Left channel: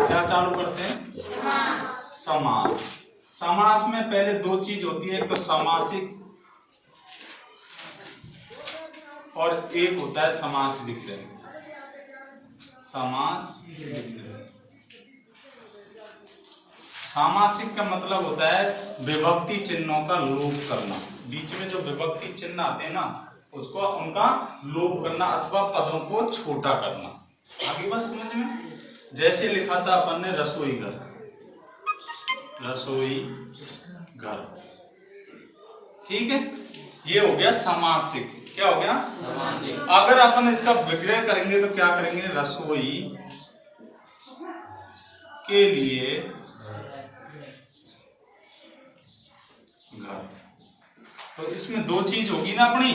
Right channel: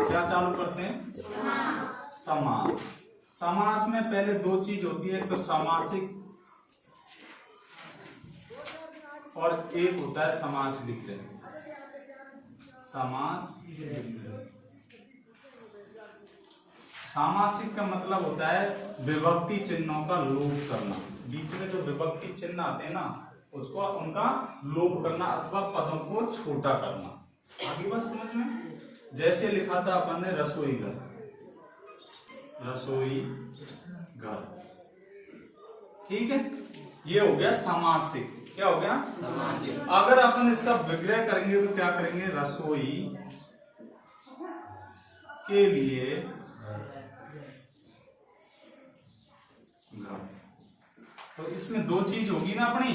क्या चालू करते हैं? समास। समास में पहले दो चीज होती है, एक तो सामासिक और एक होता है समास विग्रह। समास विग्रह। सामासिक का मतलब होता है विभक्ति चिन्हों का लोप करना। बीच में जो विभक्ति चिन्ह आते हैं ना, उसको उनका लोप करना अथवा पदों को छोटा करना। आगे बात समझ में? जैसे लिखा था अपन ने रसोई घर, रसोई घर, ठीक है, ये हो गया सामासिक। क्या हो गया? सामासिक। अगर अपन इसका विग्रह करेंगे तो क्या करेंगे? रसोई के लिए घर। तो इसमें दो चीज होगी ना अपनी,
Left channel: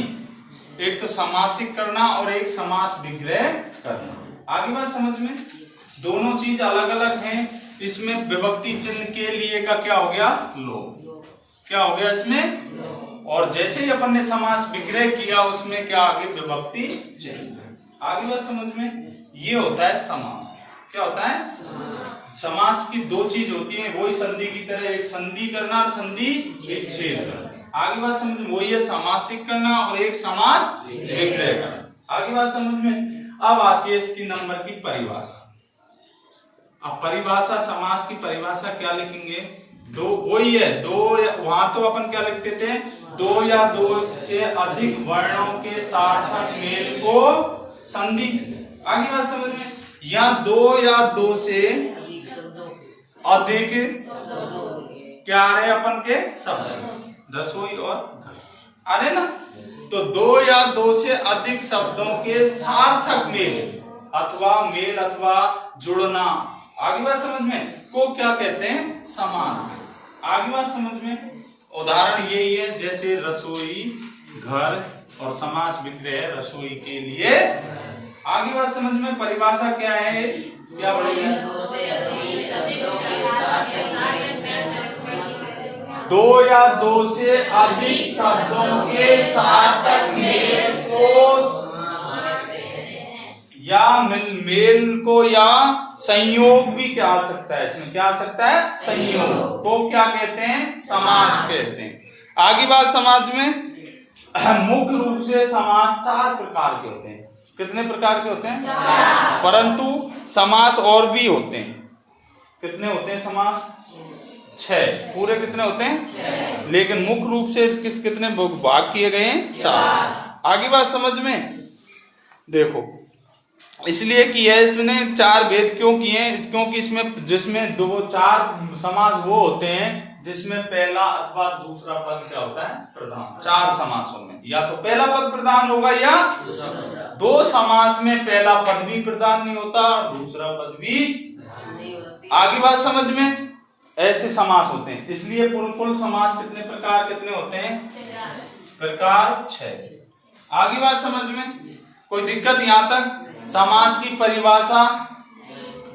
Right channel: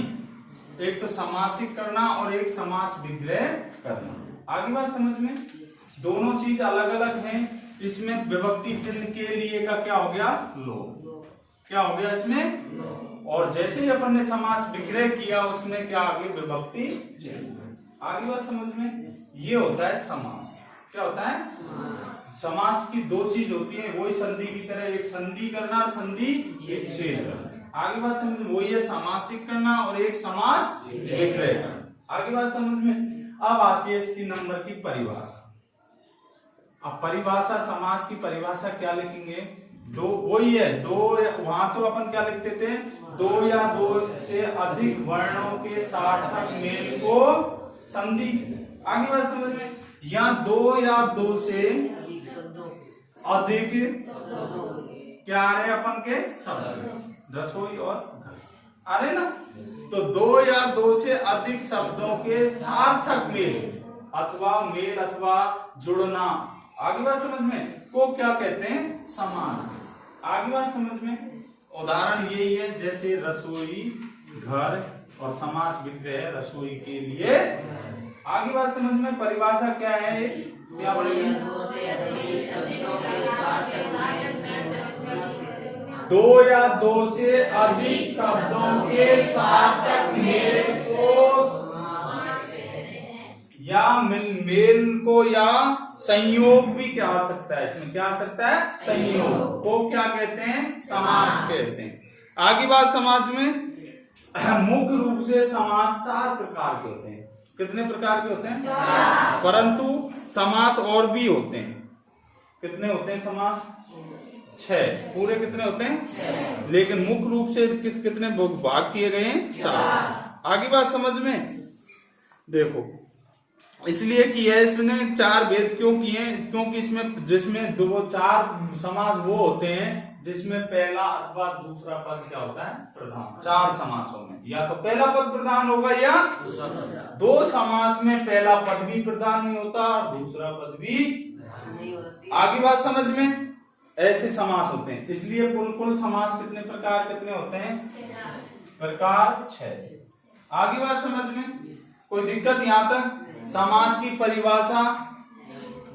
एक तो सामासिक करना और एक समास विग्रह करना। आगे बात समझ में? दोनों चीज अलग अलग हैं। इसमें विभक्ति चिन्ह के लिए का क्या हो गया? लोप। क्या हो गया इसमें? और जैसे ही अपन ने समास विग्रह किया उसमें क्या आगे? विभक्ति चिन्ह। आगे बात समझ में? ये होता है समास। क्या होता है? समास की दो चीज होती है, वही संधि की तरह, एक संधि करना और संधि विच्छेद करना। आगे बात समझ में? वही है सामासिक करना और एक समास विग्रह करना। आगे बात समझ में? अब आती है इसकी नंबर की परिभाषा। अब परिभाषा, समास की परिभाषा क्या लिखेंगे? दो, वही है दो, वहां तो अपन क्या लिखते थे? दो या दो से अधिक वर्णों के सार्थक मेल को संधि। आगे बात समझ में? या दो या दो से अधिक क्या आ रहे अपन के शब्द, रसोई और घर आ रहे ना। तो दो या दो से अधिक शब्दों के सार्थक मेल अथवा जुड़ना, आगे बात समझ में, को क्या कहते हैं? समास। आगे बात समझ में? उदाहरण यही है, जैसे रसोई घर और समास विग्रह रसोई के लिए। आगे बात समझ में? परिभाषा क्या है? क्या बोलेंगे? दो या दो से अधिक शब्दों के सार्थक मेल को या मेल को या संयोग भी क्या आ सकता है? इसमें क्या आ सकता है? संयोग को क्या कहते हैं? समास कहते हैं। आगे बात समाज में मुख्य रूप से समास चार प्रकार के होते हैं। कितने प्रकार के होते हैं? परंतु समास और भी होते हैं। कितने होते हैं समास? 6। पूरे कितने होते हैं? लेकिन मुख्य रूप से कितने भाग किए गए हैं? 4। आगे बात समझ में? देखो, इसलिए कि है इसने 4 भेद क्यों किए? क्योंकि इसमें जिसमें दो 4 समास वो होते हैं जिसमें पहला अथवा दूसरा पद क्या होता है? प्रधान। 4 समासों में या तो पहला पद प्रधान होगा या दो समास में पहला पद भी प्रधान नहीं होता और दूसरा पद भी। आगे बात समझ में? ऐसे समास होते हैं। इसलिए कुल समास कितने प्रकार कितने होते हैं? प्रकार 6। आगे बात समझ में? कोई दिक्कत यहां तक? समास की परिभाषा,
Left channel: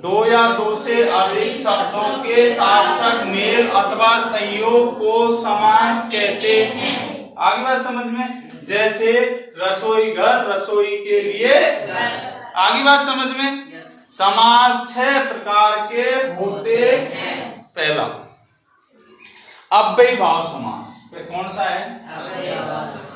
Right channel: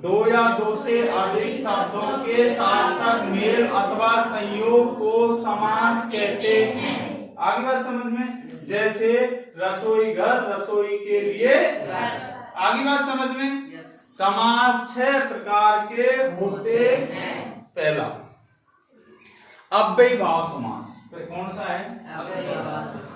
दो या दो से अधिक शब्दों के सार्थक मेल अथवा संयोग को समास कहते हैं। आगे बात समझ में? जैसे रसोई घर रसोई के लिए। आगे बात समझ में? समास 6 प्रकार के होते हैं। पहला अव्ययी भाव समास। कौन सा है? अव्ययी भाव समास।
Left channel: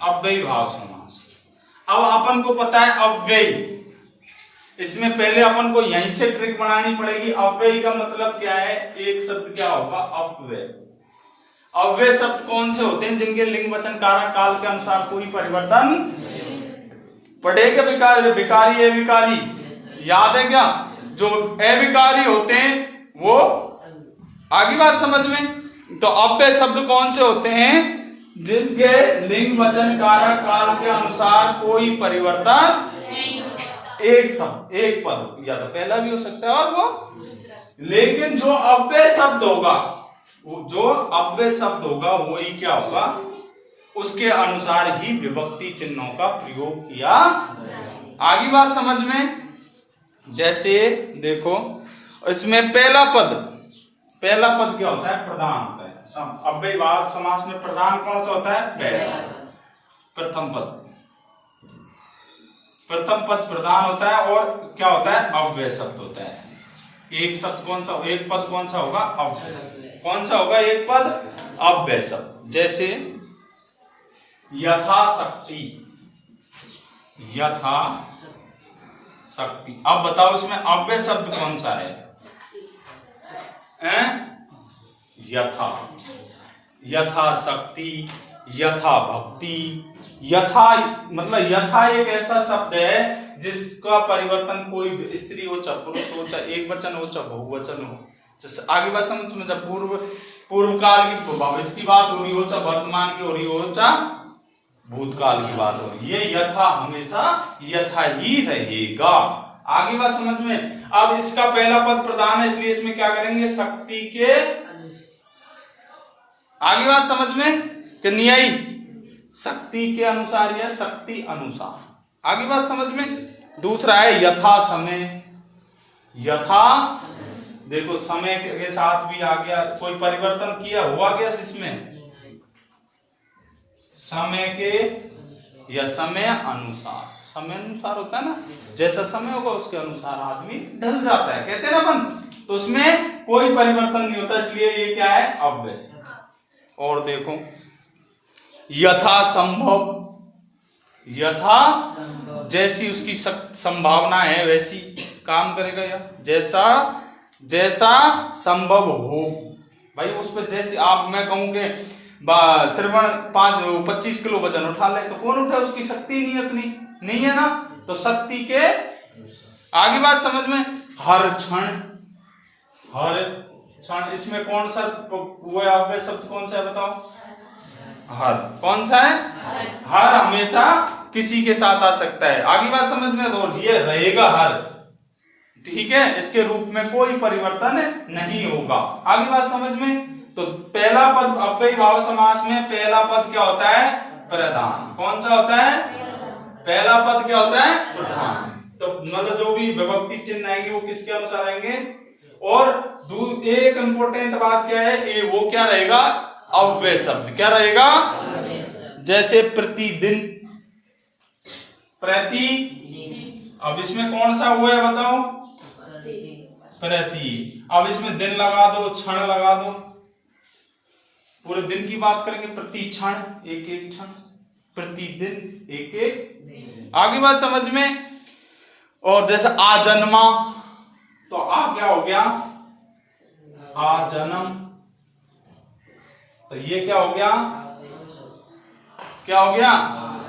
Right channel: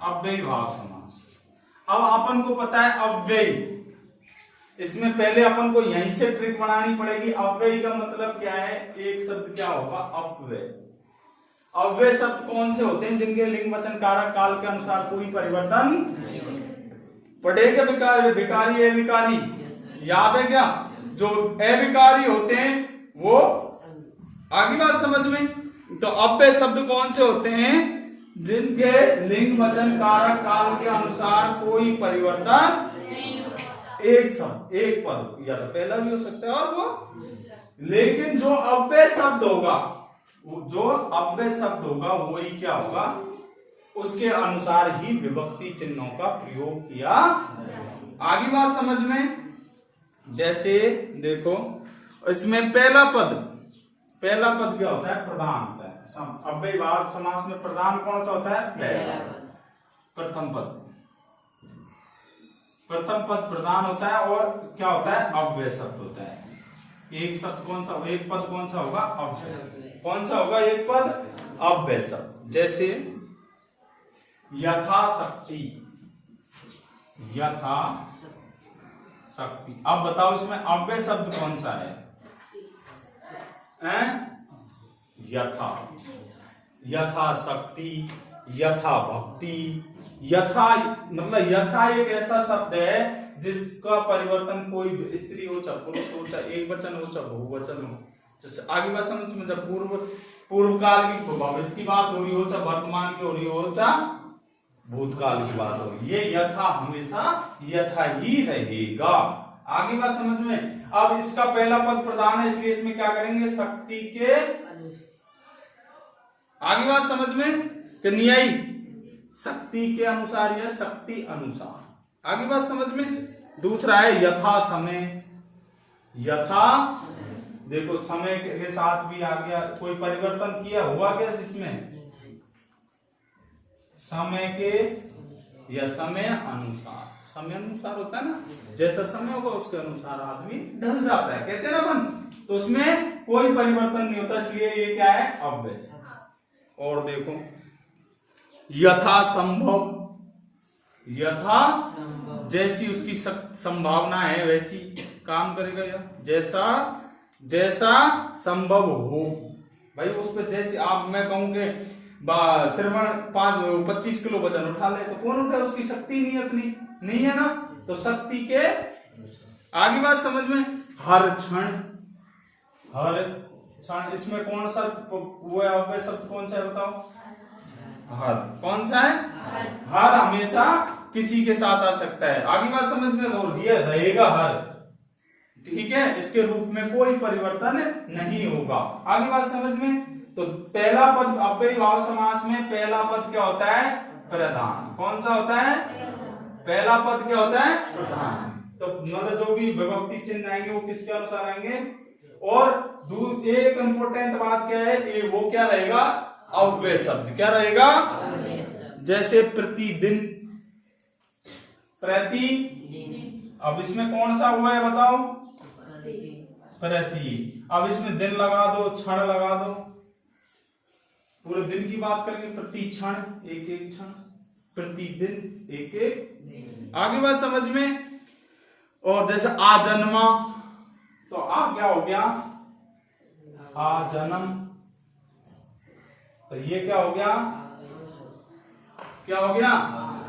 अव्ययी भाव समास। अब अपन को पता है अव्ययी, इसमें पहले अपन को यहीं से ट्रिक बनानी पड़ेगी। अव्ययी का मतलब क्या है? एक शब्द क्या होगा? अव्यय। अव्यय शब्द कौन से होते हैं? जिनके लिंग वचन कारक काल के अनुसार कोई परिवर्तन पढ़ेगा। विकारी अविकारी याद है क्या? जो अविकारी होते हैं वो। आगे बात समझ में? तो अव्यय शब्द कौन से होते हैं? जिनके लिंग वचन कारक काल के अनुसार कोई परिवर्तन नहीं होता। एक शब्द एक पद या तो पहला भी हो सकता है और वो, लेकिन जो अव्यय शब्द होगा, वही क्या होगा? उसके अनुसार ही विभक्ति चिन्हों का प्रयोग किया। आगे बात समझ में? जैसे देखो, इसमें पहला पद क्या होता है? प्रधान होता है। अव्ययीभाव समास में प्रधान कौन सा होता है? पहला प्रथम पद। प्रथम पद प्रधान होता है और क्या होता है? अव्यय शब्द होता है। एक शब्द कौन सा, एक पद कौन सा होगा? अव्यय। कौन सा होगा एक पद? अव्यय शब्द। जैसे यथाशक्ति, यथाशक्ति। अब बताओ इसमें अव्यय शब्द कौन सा है? यथा, यथाशक्ति, यथा भक्ति। यथा मतलब यथा एक ऐसा शब्द है जिसका परिवर्तन कोई स्त्री हो चाहे पुरुष हो, चाहे एक वचन हो चाहे बहुवचन हो। जैसे आगे बात समझ में, जब पूर्व काल की भविष्य की बात हो रही हो, चाहे वर्तमान की हो रही हो, चाहे भूतकाल की बात हो रही, ये यथा हमेशा यथा ही रहेगा। आगे बात समझ में। अब इसका पहला पद प्रधान है, इसलिए इसमें क्या करेंगे? शक्ति के। आगे बात समझ में कि न्यायी शक्ति के अनुसार या शक्ति अनुसार। आगे बात समझ में। दूसरा है यथा समय। यथा देखो समय के साथ भी आ गया, कोई परिवर्तन किया हुआ क्या इसमें? समय के या समय अनुसार। समय अनुसार होता है ना, जैसा समय होगा उसके अनुसार आदमी ढल जाता है, कहते हैं ना अपन। तो उसमें कोई परिवर्तन नहीं होता, इसलिए ये क्या है? अव्यय। और देखो यथा संभव। यथा जैसी उसकी संभावना है वैसी काम करेगा, या जैसा जैसा संभव हो। भाई उस पर जैसे आप मैं कहूं कि श्रवण 25 किलो वजन उठा ले, तो कौन उठा? उसकी शक्ति नहीं उतनी नहीं है ना, तो शक्ति के। आगे बात समझ में। हर क्षण, हर क्षण। इसमें कौन सा वो अव्यय शब्द कौन सा है बताओ? हर। कौन सा है? हर हमेशा किसी के साथ आ सकता है। आगे बात समझ में। तो ये रहेगा हर, ठीक है, इसके रूप में कोई परिवर्तन नहीं होगा। आगे बात समझ में। तो पहला पद अव्ययीभाव समास में पहला पद क्या होता है? प्रधान। कौन सा होता है? पहला पद क्या होता है? प्रधान। तो मतलब जो भी विभक्ति चिन्ह आएंगे वो किसके अनुसार आएंगे? और एक इंपॉर्टेंट बात क्या है, वो क्या रहेगा? अव्यय शब्द। क्या रहेगा? जैसे प्रतिदिन, प्रति। अब इसमें कौन सा हुआ है बताओ? प्रति। अब इसमें दिन लगा दो, क्षण लगा दो, पूरे दिन की बात करेंगे। प्रति क्षण, एक एक क्षण, प्रतिदिन, एक एक। आगे बात समझ में। और जैसे आजन्मा, तो आ क्या हो गया? आजन्म। तो ये क्या हो गया? क्या हो गया?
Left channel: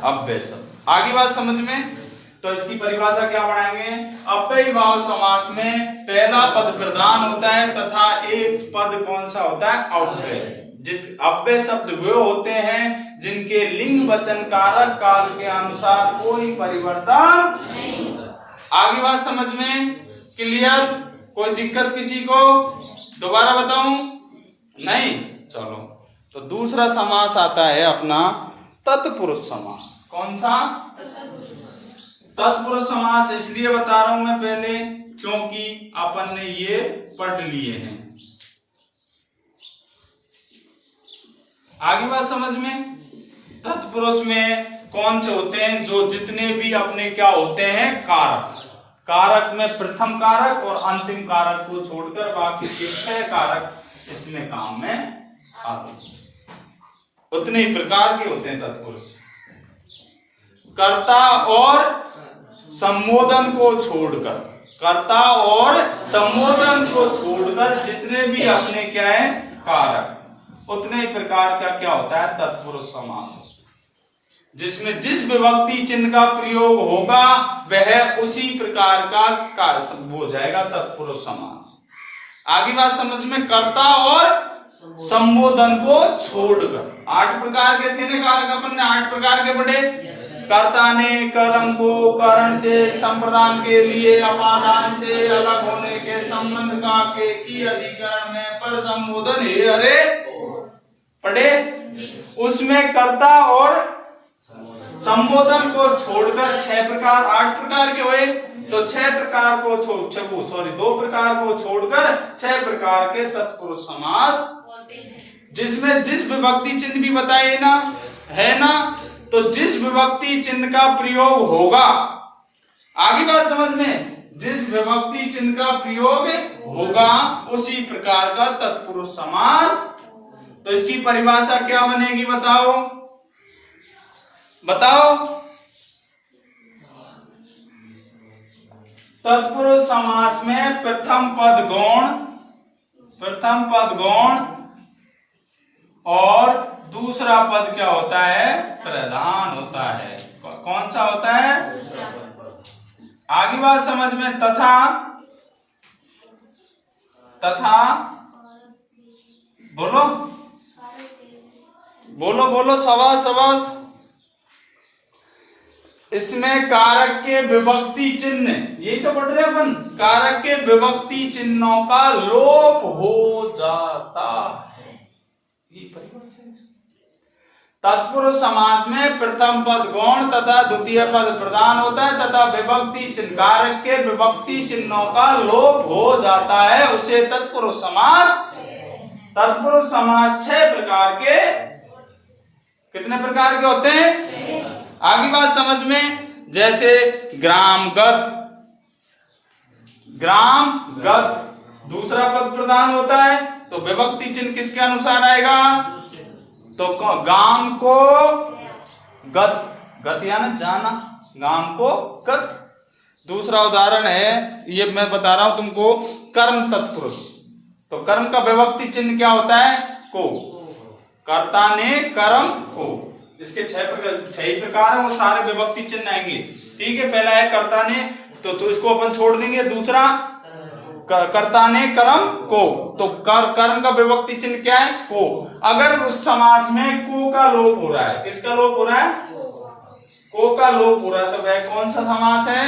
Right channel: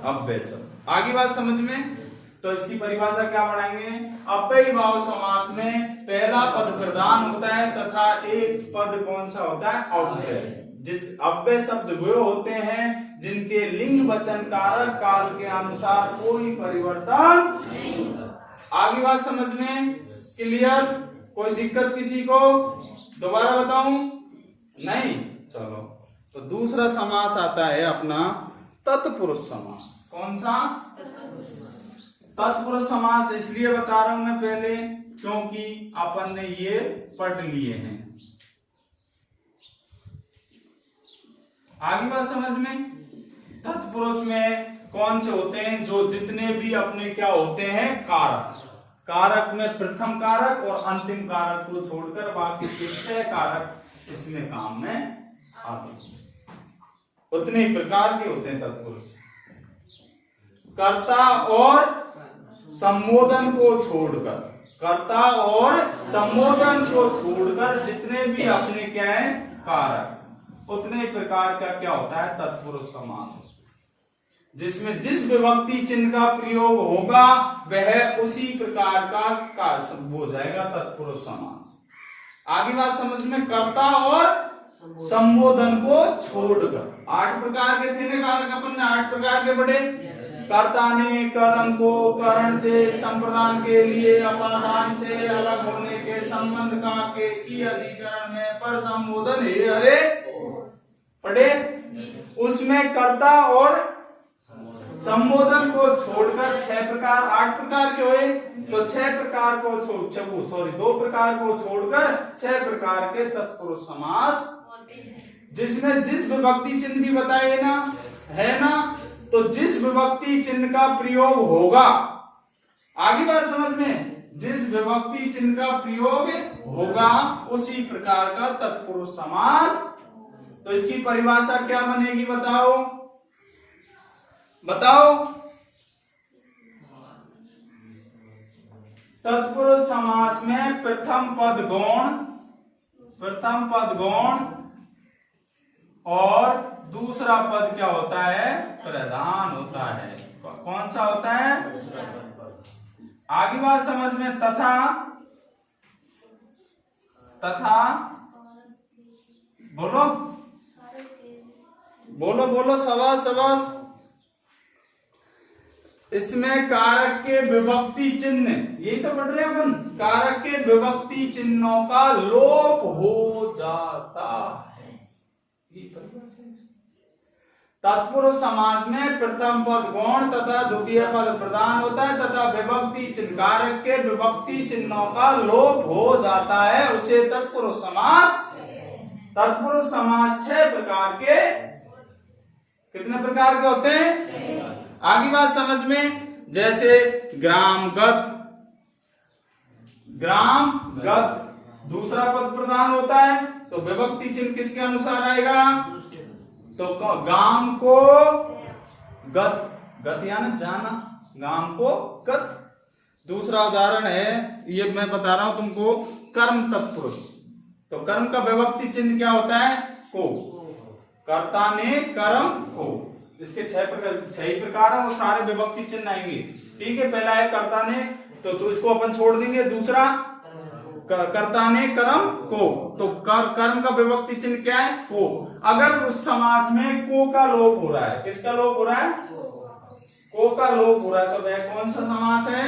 अव्यय शब्द। आगे बात समझ में। तो इसकी परिभाषा क्या बढ़ाएंगे? अव्ययीभाव समास में पहला पद प्रधान होता है तथा एक पद कौन सा होता है? अव्यय। जिस अव्यय शब्द वे होते हैं जिनके लिंग वचन कारक काल के अनुसार कोई परिवर्तन नहीं। आगे बात समझ में। क्लियर? कोई दिक्कत किसी को? दोबारा बताऊं? नहीं? चलो, तो दूसरा समास आता है अपना तत्पुरुष समास। कौन सा? तत्पुरुष समास। इसलिए बता रहा हूं मैं पहले क्योंकि अपन ने ये पढ़ लिए हैं। आगे बात समझ में। तत्पुरुष में कौन से होते हैं? जो जितने भी अपने क्या होते हैं? कारक। कारक में प्रथम कारक और अंतिम कारक को छोड़कर बाकी के 6 कारक इसमें काम में आते हैं। उतने ही प्रकार के होते हैं तत्पुरुष। कर्ता और संबोधन को छोड़कर, कर्ता और संबोधन को छोड़कर जितने भी अपने क्या है? कारक, उतने प्रकार का क्या होता है? तत्पुरुष समास। जिसमें जिस विभक्ति चिन्ह का प्रयोग होगा वह उसी प्रकार का कार्य हो जाएगा तत्पुरुष समास। आगे बात समझ में। कर्ता और संबोधन को छोड़कर 8 प्रकार के थे ना कारक, अपन ने 8 प्रकार के पढ़े। कर्ता ने कर्म को करण से, संप्रदान के लिए अपादान से अलग होने के संबंध का के की अधिकरण में पर संबोधन है। अरे पढ़े? उसमें कर्ता और संबोधन को छोड़कर 6 प्रकार, 8 प्रकार के हुए। तो 6 प्रकार को 2 प्रकार को छोड़कर 6 प्रकार के तत्पुरुष समास जिसमें जिस विभक्ति चिन्ह भी बताए ना, है ना, तो जिस विभक्ति चिन्ह का प्रयोग होगा, आगे बात समझ में, जिस विभक्ति चिन्ह का प्रयोग होगा उसी प्रकार का तत्पुरुष समास। तो इसकी परिभाषा क्या बनेगी बताओ, बताओ। तत्पुरुष समास में प्रथम पद गौण और दूसरा पद क्या होता है, प्रधान होता है। कौन सा होता है, आगे बात समझ में। तथा बोलो बोलो बोलो, शाबाश। इसमें कारक के विभक्ति चिन्ह, यही तो पढ़ रहे अपन, कारक के विभक्ति चिन्हों का लोप हो जाता है, ये परिभाषा है। तत्पुरुष समास में प्रथम पद गौण तथा द्वितीय पद प्रधान होता है तथा विभक्ति चिन्ह, कारक के विभक्ति चिन्हों का लोप हो जाता है, उसे तत्पुरुष समास। तत्पुरुष समास 6 प्रकार के, कितने प्रकार के होते हैं, आगे बात समझ में। जैसे ग्रामगत, दूसरा पद प्रधान होता है तो विभक्ति चिन्ह किसके अनुसार आएगा, तो गाम को गत यानी जाना, गाम को गत। दूसरा उदाहरण है, ये मैं बता रहा हूं तुमको, कर्म तत्पुरुष, तो कर्म का विभक्ति चिन्ह क्या होता है, को, कर्ता ने कर्म को। इसके 6 प्रकार है, वो सारे विभक्ति चिन्ह आएंगे, ठीक है। पहला है कर्ता ने, तो इसको अपन छोड़ देंगे। दूसरा कर्ता ने कर्म को, तो कर्म का विभक्ति चिन्ह क्या है, को। अगर उस समास में को का लोप हो रहा है, किसका लोप हो रहा है, को का लोप हो रहा है, तो वह कौन सा समास है,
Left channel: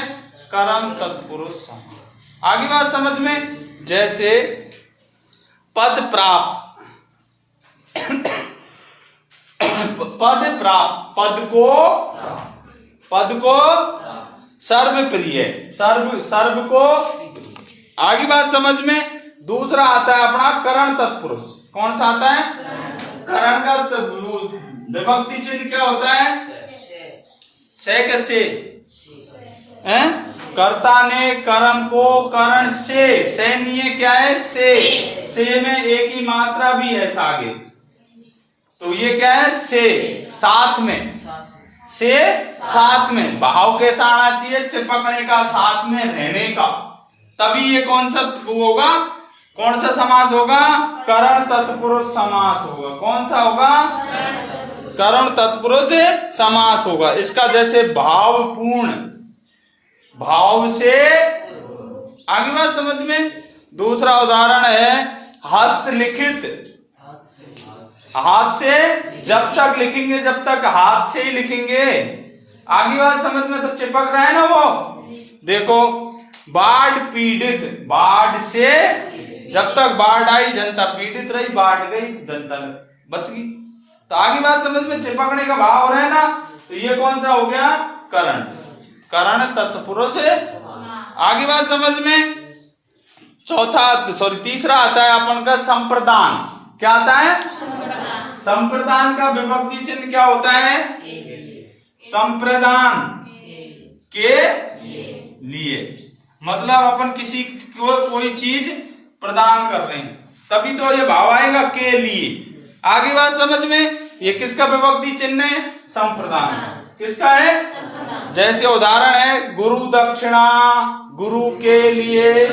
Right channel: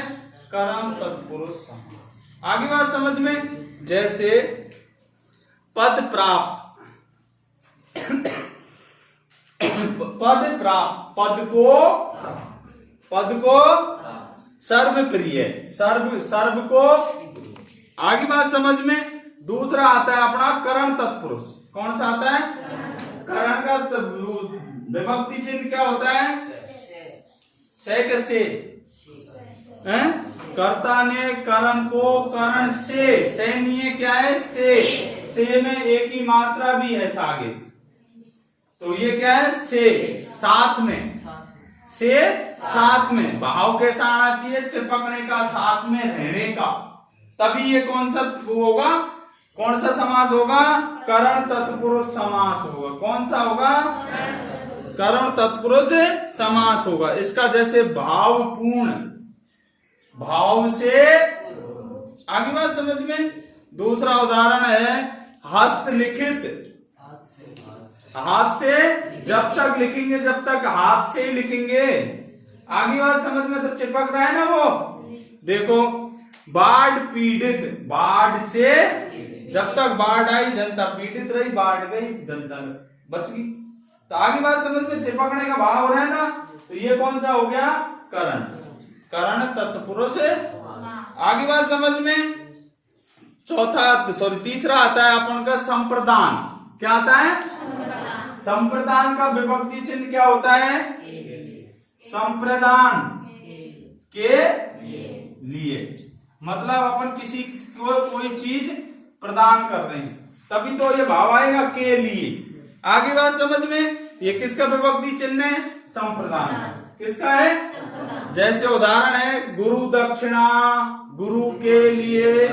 कर्म तत्पुरुष समास। आगे बात समझ में। जैसे पद प्राप्त, पद को सर्वप्रिय, सर्व को। आगे बात समझ में। दूसरा आता है अपना करण तत्पुरुष, कौन सा आता है, करण का विभक्ति चिन्ह क्या होता है, से, कर्ता ने कर्म को करण से निये क्या है, से में एक ही मात्रा भी है आगे, तो ये क्या है, से साथ में, से साथ में भाव कैसा आना चाहिए, चिपकने का, साथ में रहने का, तभी ये कौन सा होगा, कौन सा समास होगा, करण तत्पुरुष समास होगा। कौन सा होगा, करण तत्पुरुष समास होगा। इसका जैसे भावपूर्ण, भाव से, आगे बात समझ में। दूसरा उदाहरण है हस्तलिखित, हाथ से, जब तक लिखेंगे, जब तक हाथ से ही लिखेंगे, आगे बात समझ में, तो चिपक रहा है ना वो। देखो बाढ़ पीड़ित, बाढ़ से, जब तक बाढ़ आई जनता पीड़ित रही, बाढ़ गई जनता बच गई, तो आगे बात समझ में, चिपकने का भाव हो रहा है ना, तो ये कौन सा हो गया, करण, करण तत्पुरुष। आगे बात समझ में। तीसरा आता है अपन का संप्रदान। क्या आता है, संप्रदान का विभक्ति चिन्ह क्या होता है, संप्रदान के लिए, मतलब अपन किसी को कोई चीज प्रदान कर रहे हैं, तभी तो ये भाव आएगा, के लिए। आगे बात समझ में। ये किसका विभक्ति चिन्ह है, संप्रदान। किसका है, जैसे उदाहरण है गुरु दक्षिणा, गुरु के लिए,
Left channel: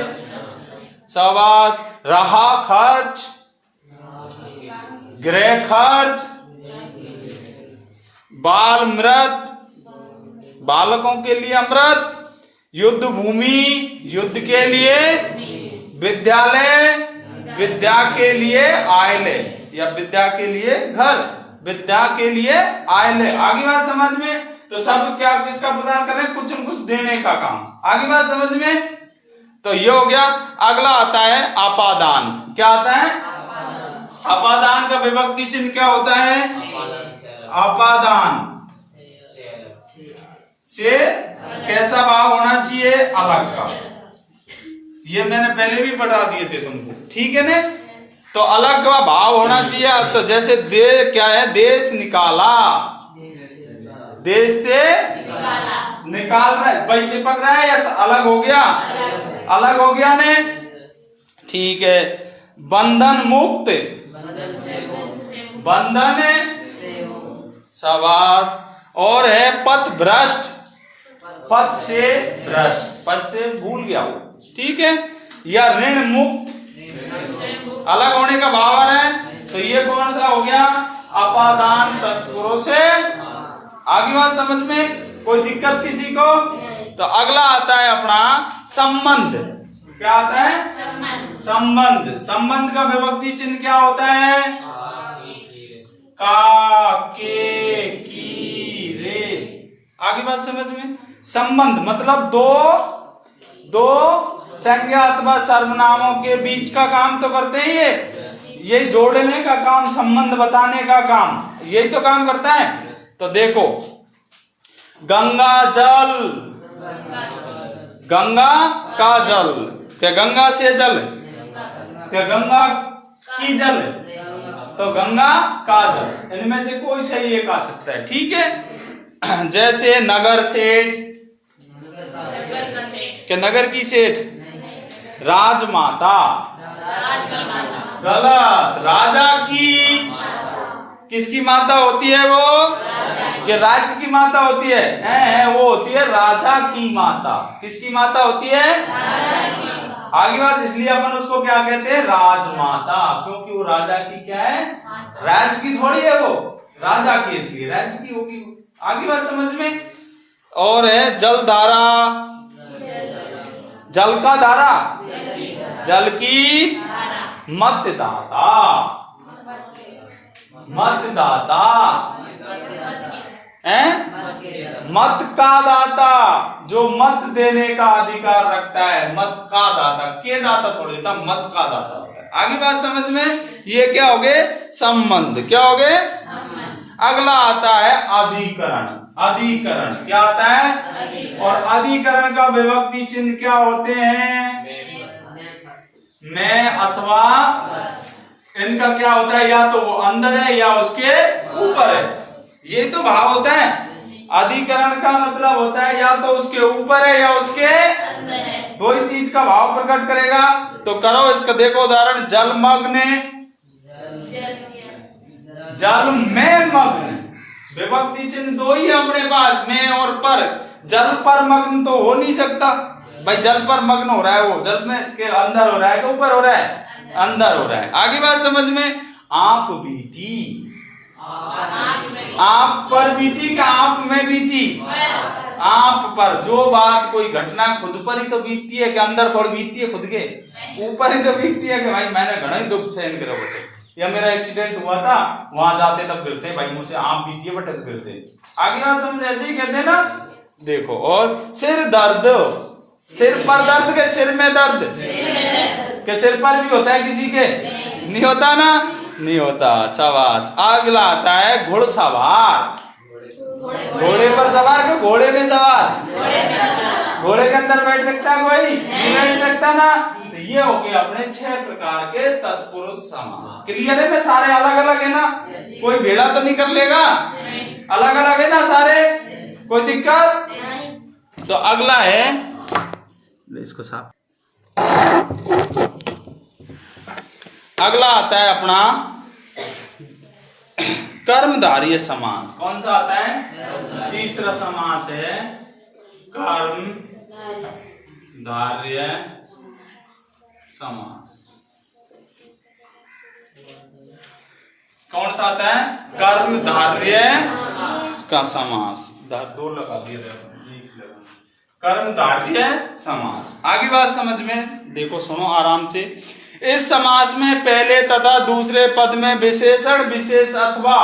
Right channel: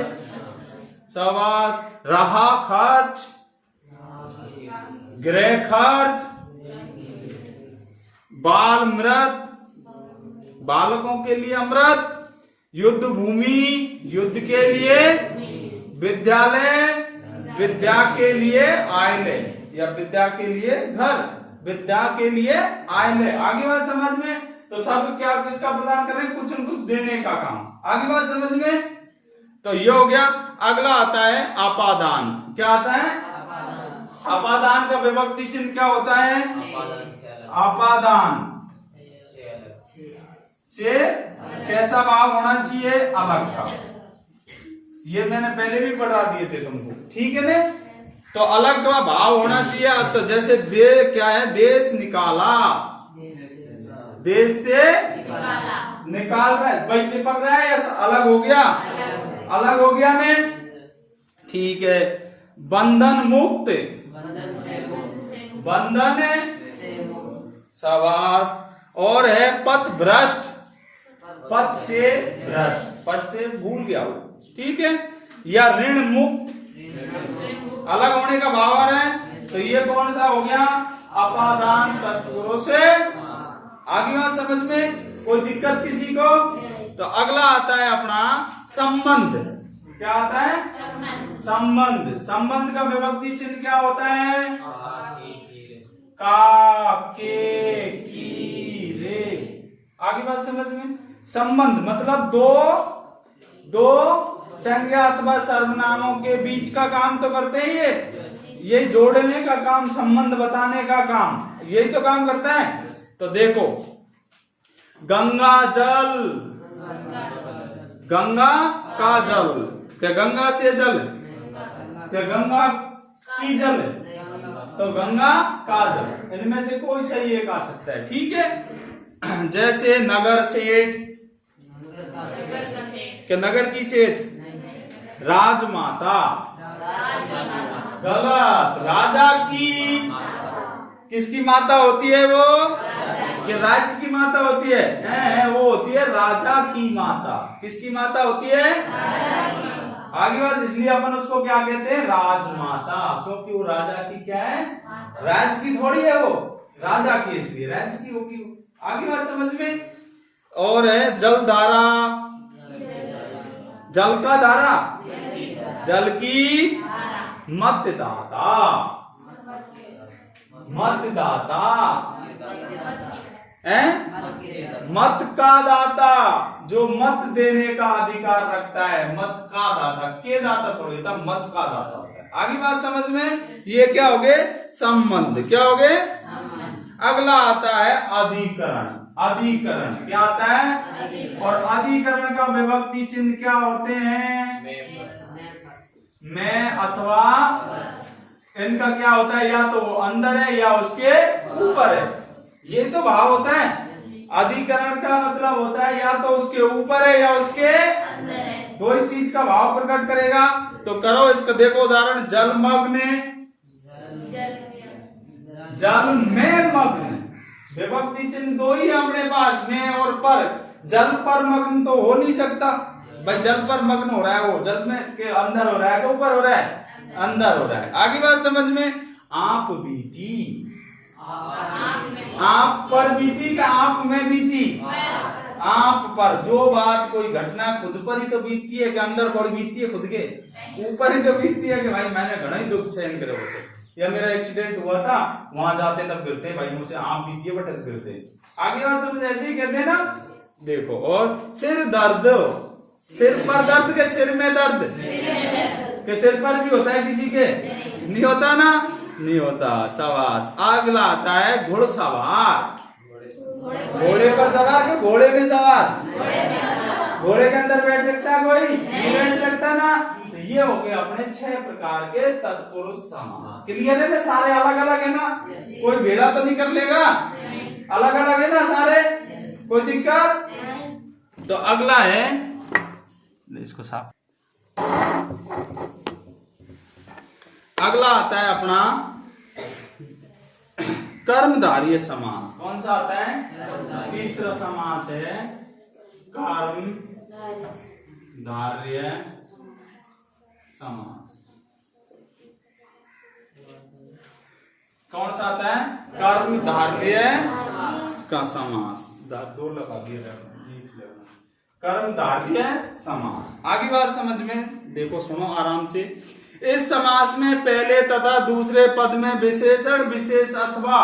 शाबाश, रहा खर्च, गृह खर्च, बाल मृत, बालकों के लिए अमृत, युद्ध भूमि, युद्ध के लिए, विद्यालय, विद्या के लिए आयले, या विद्या के लिए घर, विद्या के लिए आयले। आगे बात समझ में। तो सब क्या किसका प्रदान कर रहे हैं, कुछ न कुछ देने का काम। आगे बात समझ में। तो ये हो गया। अगला आता है अपादान। क्या आता है, अपादान का विभक्ति चिन्ह क्या होता है, अपादान से कैसा भाव होना चाहिए, अलग का। ये मैंने पहले भी पढ़ा दिए थे तुमको, ठीक है ना। तो अलग का भाव होना चाहिए। तो जैसे दे क्या है, देश निकाला, देश से निकाल रहा है, भाई चिपक रहा है या अलग हो गया, अलग हो गया ने, ठीक है। बंधन मुक्त, बंधन शाबाश। और है पथ भ्रष्ट, पथ से भ्रष्ट, पथ से भूल गया वो, ठीक है। या ऋण मुक्त, अलग होने का भाव आ रहा है, तो ये कौन सा हो गया, अपादान तत्पुरुष से। आगे बात समझ में, कोई दिक्कत किसी को। तो अगला आता है अपना संबंध। क्या आता है, संबंध। संबंध का विभक्ति चिन्ह क्या होता है, का, के, की, रे। आगे बात समझ में। संबंध मतलब दो संज्ञा अथवा सर्वनामों के बीच का काम तो करते ही है, यही जोड़ने का काम, संबंध बताने का काम, यही तो काम करता है। तो देखो, गंगा जल, गंगा का जल, क्या गंगा से जल, क्या गंगा की जल, तो गंगा का जल, इनमें से कोई सही एक आ सकता है, ठीक है। जैसे नगर सेठ, क्या नगर की सेठ, राजमाता, गलत, राजा की, किसकी माता होती है वो, कि राज्य की माता होती है, वो होती है राजा की माता। किसकी माता होती है, आगे बात, इसलिए अपन उसको क्या कहते हैं, राजमाता, क्योंकि वो राजा की क्या है, राज्य की थोड़ी है वो, राजा की, इसलिए राज्य की होगी वो। आगे बात समझ में। और है जलधारा, जल का धारा, जल की मतदाता, मतदाता है, मत का दाता, जो मत देने का अधिकार रखता है, मत का दाता, के दाता थोड़ी था, मत का दाता होता है। आगे बात समझ में। ये क्या हो गए, संबंध, क्या हो गए। अगला आता है अधिकरण। अधिकरण क्या आता है, और अधिकरण का विभक्ति चिन्ह क्या होते हैं, में अथवा, इनका क्या होता है, या तो वो अंदर है या उसके ऊपर है, ये तो भाव होता है। अधिकरण का मतलब होता है या तो उसके ऊपर है या उसके अंदर है, दो ही चीज का भाव प्रकट करेगा। तो करो इसका, देखो उदाहरण, जलमग्न, जल में मग्न, विभक्ति चिन्ह दो ही है अपने पास, में और पर। जल पर मग्न तो हो नहीं सकता भाई, जल पर मग्न हो रहा है वो, जल में के अंदर हो रहा है कि ऊपर हो रहा है, अंदर हो रहा है। आगे बात समझ में। आप बीती, आप पर बीती का आप में बीती, आप पर, जो बात कोई घटना खुद पर ही तो बीतती है, कि अंदर थोड़ी बीतती है, खुद के ऊपर ही तो बीतती है, कि भाई मैंने घना ही दुख सहन करे होते, या मेरा एक्सीडेंट हुआ था, वहां जाते तब गिरते, भाई मुझसे आप बीती है बट गिरते। आगे बात समझ, ऐसे ही कहते हैं ना। देखो, और सिर दर्द, सिर पर दर्द के सिर में दर्द, के सिर पर भी होता है किसी के, नहीं होता ना, नहीं होता, शाबाश। अगला आता है घुड़सवार, घोड़े पर सवार के घोड़े में सवार, घोड़े के अंदर बैठ सकता है कोई, नहीं बैठ सकता ना। तो ये हो गए अपने 6 प्रकार के तत्पुरुष समास। क्लियर है ना, सारे अलग अलग है ना, कोई भेड़ा तो नहीं कर लेगा, अलग अलग है ना सारे, कोई दिक्कत। तो अगला है, इसको साफ, अगला आता है अपना कर्मधारय समास। कौन सा आता है, तीसरा समास है कर्मधारय समास। कौन सा आता है, कर्मधारय का समास, दो लगा दिए, कर्मधारय समास। आगे बात समझ में, देखो सुनो आराम से। इस समास में पहले तथा दूसरे पद में विशेषण विशेष अथवा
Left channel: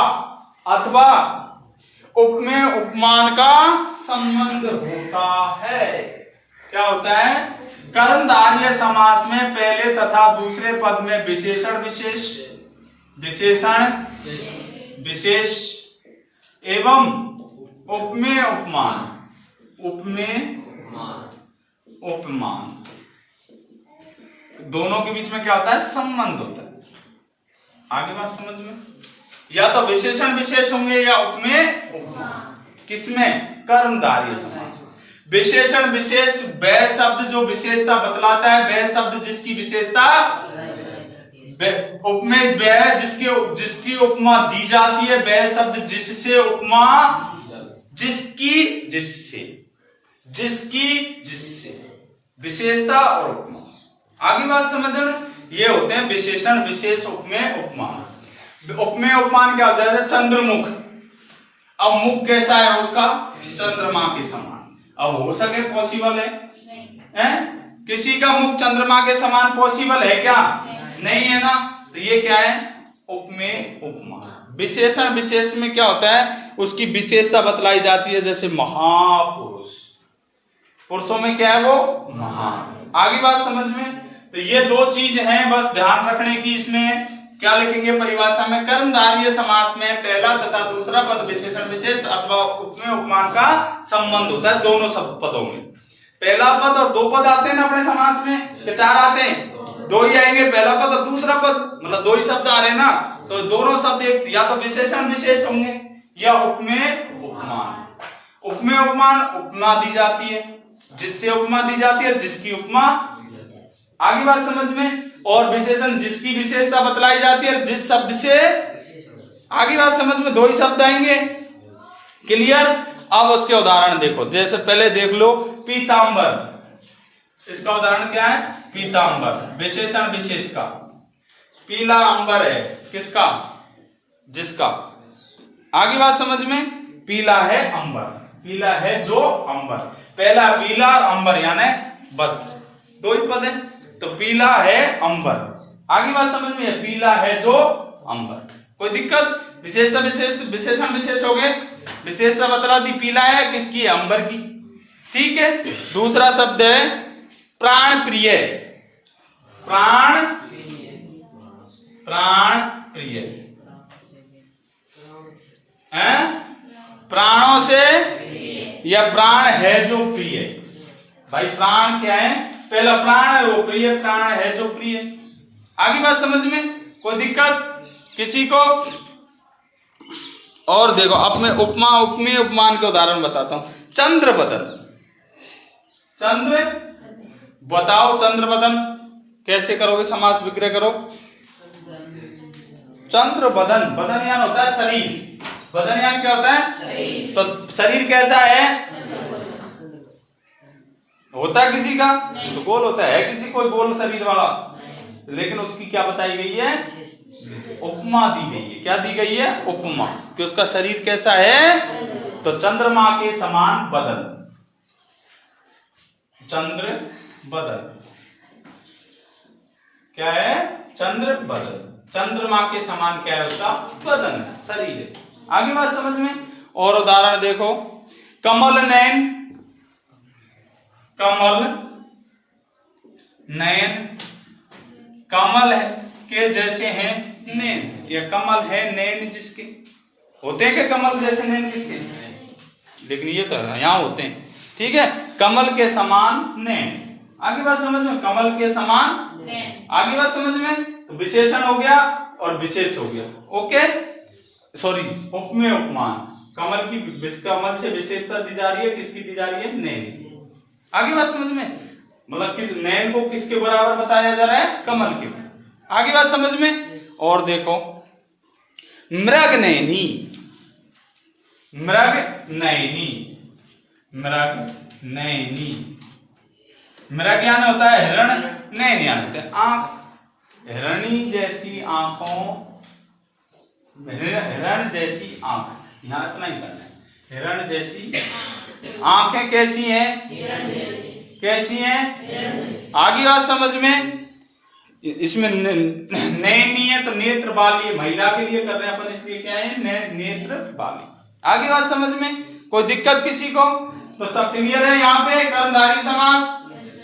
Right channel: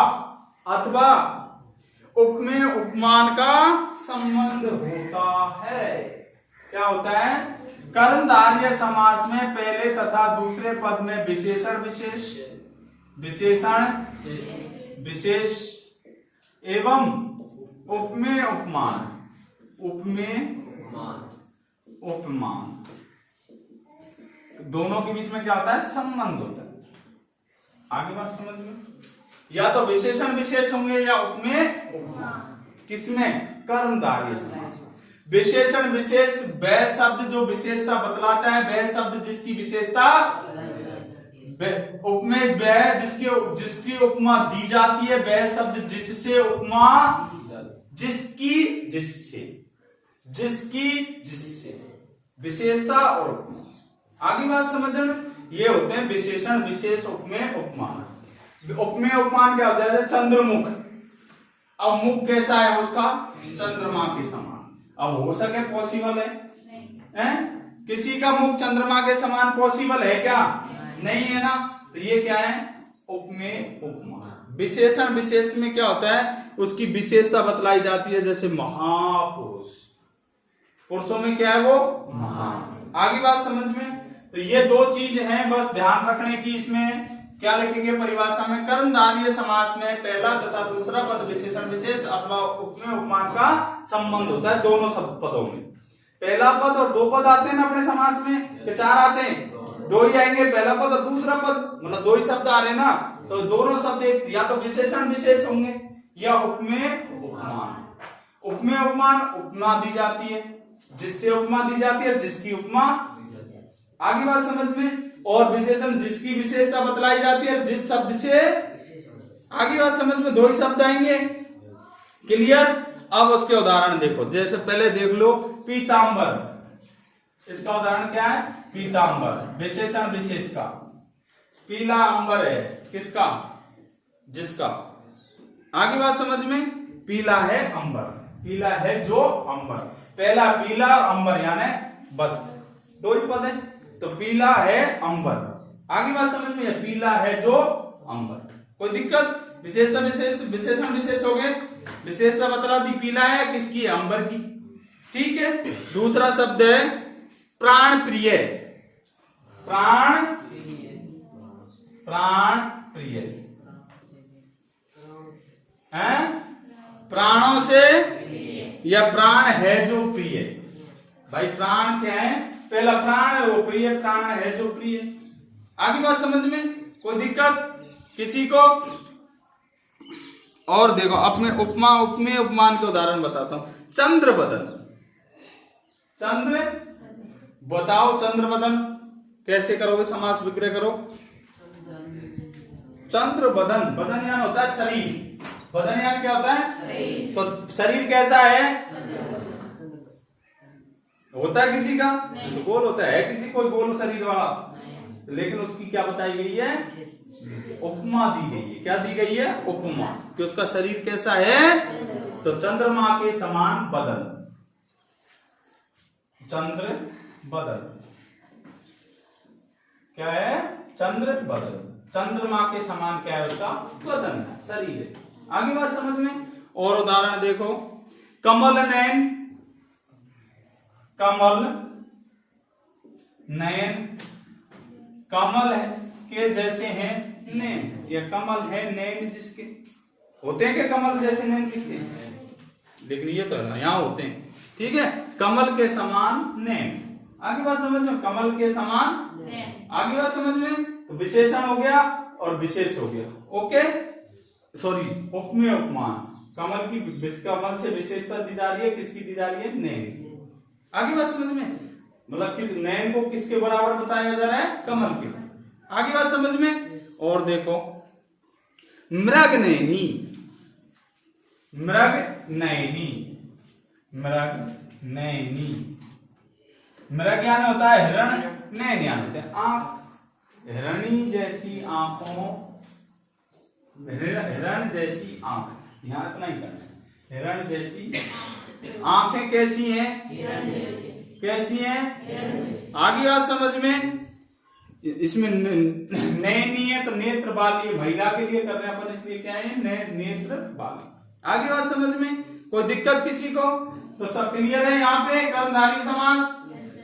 उपमेय उपमान का संबंध होता है। क्या होता है, कर्मधारय समास में पहले तथा दूसरे पद में विशेषण विशेषण विशेष एवं उपमेय उपमान, उपमेय उपमान, दोनों के बीच में क्या होता है, संबंध होता है। आगे बात समझ में, या तो विशेषण विशेष होंगे या उपमेय उपमान। किसमें? कर्मधारय समास। विशेषण विशेष वह शब्द जो विशेषता बतलाता है, वह शब्द जिसकी विशेषता, उपमेय वह जिसकी उपमा दी जाती है, वह शब्द जिससे उपमा, जिससे विशेषता और उपमा। आगे बात समझ में, ये होते हैं विशेषण विशेष उपमेय उपमान। उपमेय उपमान क्या होता है? चंद्रमुख। अब मुख कैसा है उसका? चंद्रमा के समान। अब हो सके पॉसिबल है? किसी का मुख चंद्रमा के समान पॉसिबल है क्या? नहीं है ना। तो ये क्या है? उपमेय उपमान। विशेषण विशेष में क्या होता है? उसकी विशेषता बतलाई जाती है, जैसे महापुरुष, पुरुषों में क्या है वो? महान। आगे बात समझ में, तो ये दो चीज हैं बस ध्यान रखने की। इसमें क्या लिखेंगे परिभाषा में? कर्मधारय समास में पहला तथा दूसरा पद विशेषण विशेष अथवा उपमेय उपमान का संबंध होता है दोनों सब पदों में। पहला पद और दो पद आते हैं ना अपने समास में, कि चार आते हैं? दो ही आएंगे, पहला पद और दूसरा पद, मतलब दो ही शब्द आ रहे हैं ना। तो दोनों शब्द या तो विशेषण विशेष होंगे या उपमेय उपमान। उपमेय उपमान उपमा दी जाती है, जिससे उपमा दी जाती है, जिसकी उपमा। आगे बात समझ में, और विशेषण जिसकी विशेषता बतलाई जाती है जिस शब्द से। आगे बात समझ में, दो ही शब्द आएंगे। क्लियर? अब उसके उदाहरण देखो, जैसे पहले देख लो पीतांबर। इसका उदाहरण क्या है? पीतांबर। विशेषण विशेष का पीला अंबर है, किसका? जिसका। आगे बात समझ में, पीला है अंबर, पीला है जो अंबर। पहला पीला और अंबर यानी वस्त्र, दो ही पद है, तो पीला है अंबर। आगे बात समझ में, पीला है जो अंबर। कोई दिक्कत? विशेषता विशेष, विशेषण विशेष हो गए। विशेषता बतला दी, पीला है, किसकी है? अंबर की। ठीक है। दूसरा शब्द है प्राण प्रिय। प्राण प्रिय है, प्राणों से, या प्राण है जो प्रिय। भाई प्राण क्या है? पहला प्राण है वो प्रिय, प्राण है जो प्रिय। आगे बात समझ में, कोई दिक्कत किसी को? और देखो अब मैं उपमा उपमेय उपमान के उदाहरण बताता हूं। चंद्रबदन। चंद्र बताओ, चंद्रबदन कैसे करोगे? समास विग्रह करो। चंद्रबदन, बदन यान होता है शरीर। बदन यान क्या होता है? शरीर। तो शरीर कैसा है? होता है किसी का तो गोल होता है, किसी कोई गोल शरीर वाला, लेकिन उसकी क्या बताई गई है? उपमा दी गई है। क्या दी गई है? उपमा, कि उसका शरीर कैसा है? तो चंद्रमा के समान बदन। चंद्र बदन क्या है? चंद्र बदन। चंद्रमा के समान क्या है? उसका बदन है, शरीर है। आगे बात समझ में, और उदाहरण देखो। कमल नयन। कमल नयन, कमल है के जैसे हैं नैन, या कमल है नैन जिसके। होते हैं क्या कमल जैसे नैन किसके? लेकिन ये तो यहां होते हैं। ठीक है, कमल के समान नैन। आगे बात समझ में, कमल के समान नैन। आगे बात समझ में, तो विशेषण हो गया और विशेष हो गया। ओके, सॉरी, उपमेय उपमान। कमल से विशेषता दी जा रही है, किसकी दी जा रही है? नैन। आगे बात समझ में, मतलब कि नैन को किसके बराबर बताया जा रहा है? कमल के। आगे बात समझ में, और देखो मृग नैनी। मृग नैनी, मृग नैनी। मृग यानी होता है हिरण, नैन यानी होता है आंख। हिरणी जैसी आंखों, हिरण जैसी आंख, यहां इतना ही करना है। हिरण जैसी आंखें कैसी हैं? कैसी हैं? आगे बात समझ में, इसमें नैन नहीं है तो नेत्र वाली, महिला के लिए कर रहे हैं अपन, इसलिए क्या है? नेत्र वाली। आगे बात समझ में, कोई दिक्कत किसी को? तो सब क्लियर है। यहाँ पे कर्मधारय समास।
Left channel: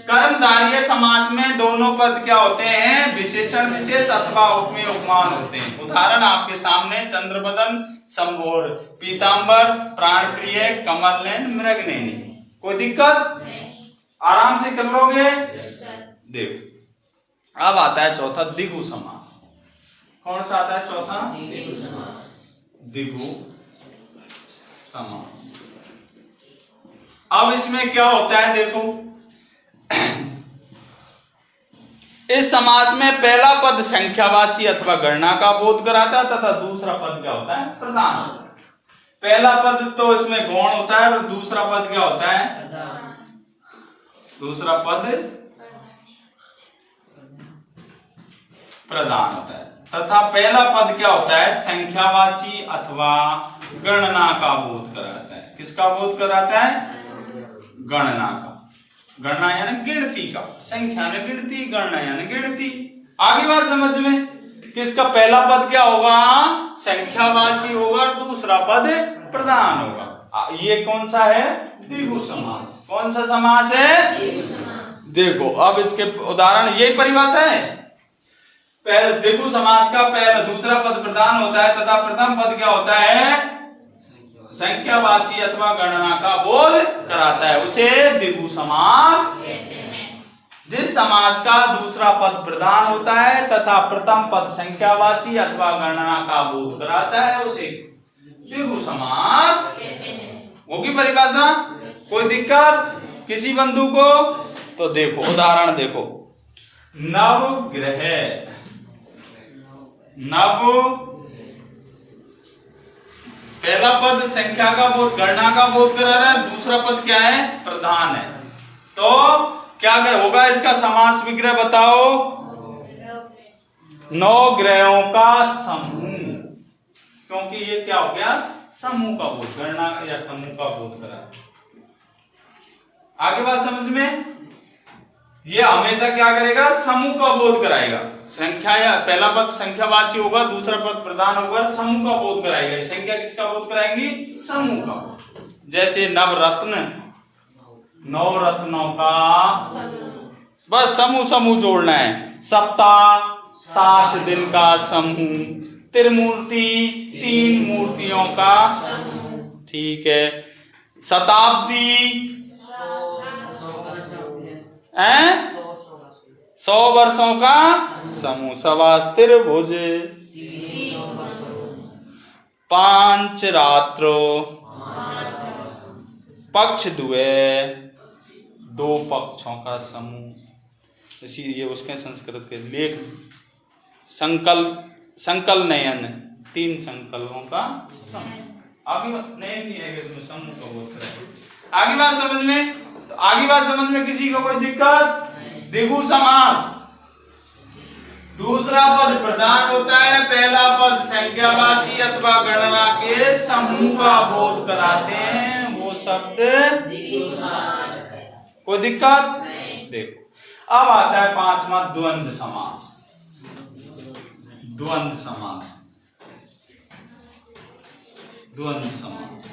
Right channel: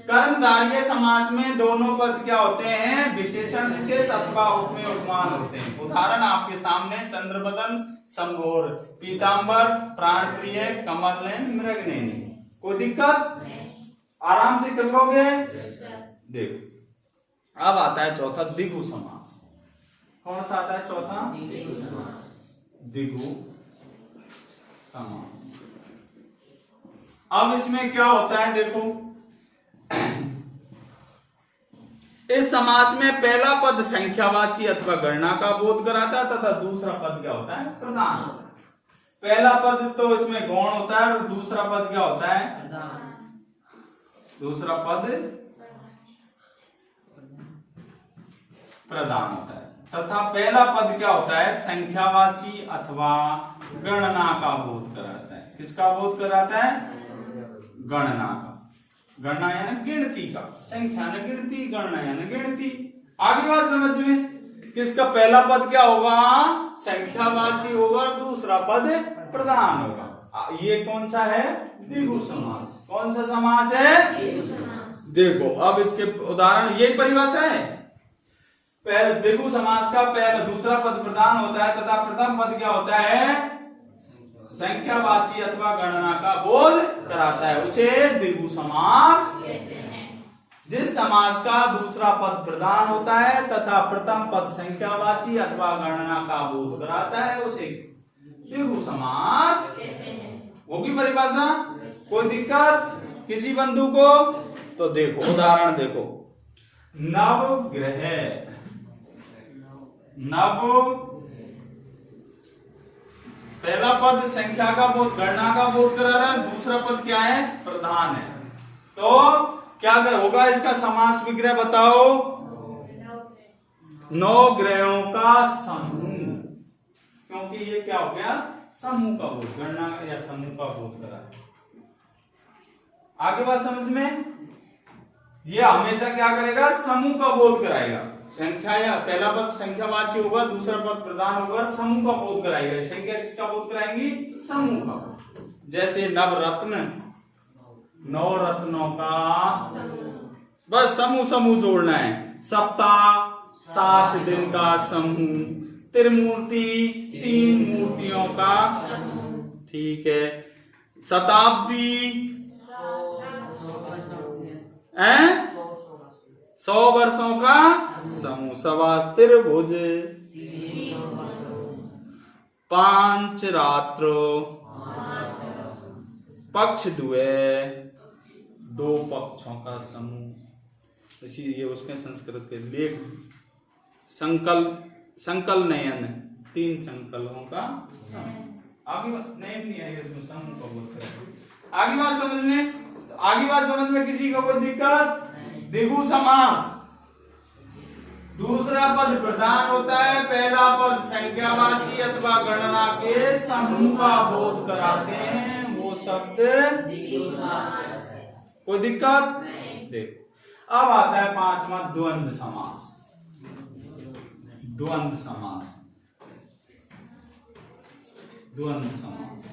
कर्मधारय समास में दोनों पद क्या होते हैं? विशेषण विशेष अथवा उपमेय उपमान होते हैं। उदाहरण आपके सामने, चंद्रबदन, संभोर, पीतांबर, प्राण प्रिय, कमल नैन, मृग नैनी। कोई दिक्कत? आराम से कर लोगे। देखो अब आता है चौथा, दिगु समास। कौन सा आता है चौथा? द्विगु समास। अब इसमें क्या होता है देखो, इस समास में पहला पद संख्यावाची अथवा गणना का बोध कराता है तथा दूसरा पद क्या होता है? प्रधान। पहला पद तो इसमें गौण होता है और दूसरा पद क्या होता है? दूसरा पद प्रधान होता है तथा पहला पद क्या होता है? संख्यावाची अथवा गणना का बोध कराता है। किसका बोध कराता है? गणना का। गणना यानी गिनती का, संख्या यानी गिनती, गणना यानी गिनती। आगे बात समझ में, किसका पहला पद क्या होगा? संख्यावाची होगा और दूसरा पद प्रधान होगा। ये कौन सा है? द्विगु समास। कौन सा समास है? देखो अब इसके उदाहरण, यही परिभाषा है। पहले द्विगु समास का पहला दूसरा पद प्रधान होता है तथा प्रथम पद क्या होता है? संख्यावाची अथवा गणना का बोध कराता है, उसे द्विगु समास कहते हैं। जिस समास का दूसरा पद प्रधान होता है तथा प्रथम पद संख्यावाची अथवा गणना का बोध कराता है, उसे द्विगु समास कहते हैं। होगी परिभाषा? कोई दिक्कत किसी बंधु को? तो देखो उदाहरण देखो, नवग्रह। नव पहला पद संख्या का बोध, गणना का बोध करा रहा है, दूसरा पद क्या है? प्रधान है। तो क्या होगा इसका समास विग्रह बताओ? नौ ग्रहों का समूह, क्योंकि ये क्या हो गया? समूह का बोध, गणना या समूह का बोध करा। आगे बात समझ में, ये हमेशा क्या करेगा? समूह का बोध कराएगा। संख्या या पहला पद संख्यावाची होगा, दूसरा पद प्रधान होगा, समूह का बोध कराएगा। संख्या किसका बोध कराएंगी? समूह का। जैसे नवरत्न, नौ रत्नों का, बस समूह समूह जोड़ना है। सप्ताह 7 दिन का समूह, त्रिमूर्ति 3 मूर्तियों का, ठीक है। शताब्दी 100 वर्षों का समूह, सवास्त्रिभुज 5 रात्रो, पक्ष द्वय 2 पक्षों का समूह। इसी ये उसके संस्कृत के लेख, संकल नयन 3 संकल्पों का समूह। आगे नयन नहीं है इसमें, समूह का बोध करें। आगे बात समझ में, तो आगे बात समझ में किसी को कोई दिक्कत? द्विगु समास, दूसरा पद प्रधान होता है, पहला पद संख्यावाची अथवा गणना के समूह का बोध कराते हैं, वो शब्द द्विगु समास है। कोई दिक्कत? देखो अब आता है 5वां द्वंद्व समास। द्वंद्व समास, द्वंद्व समास।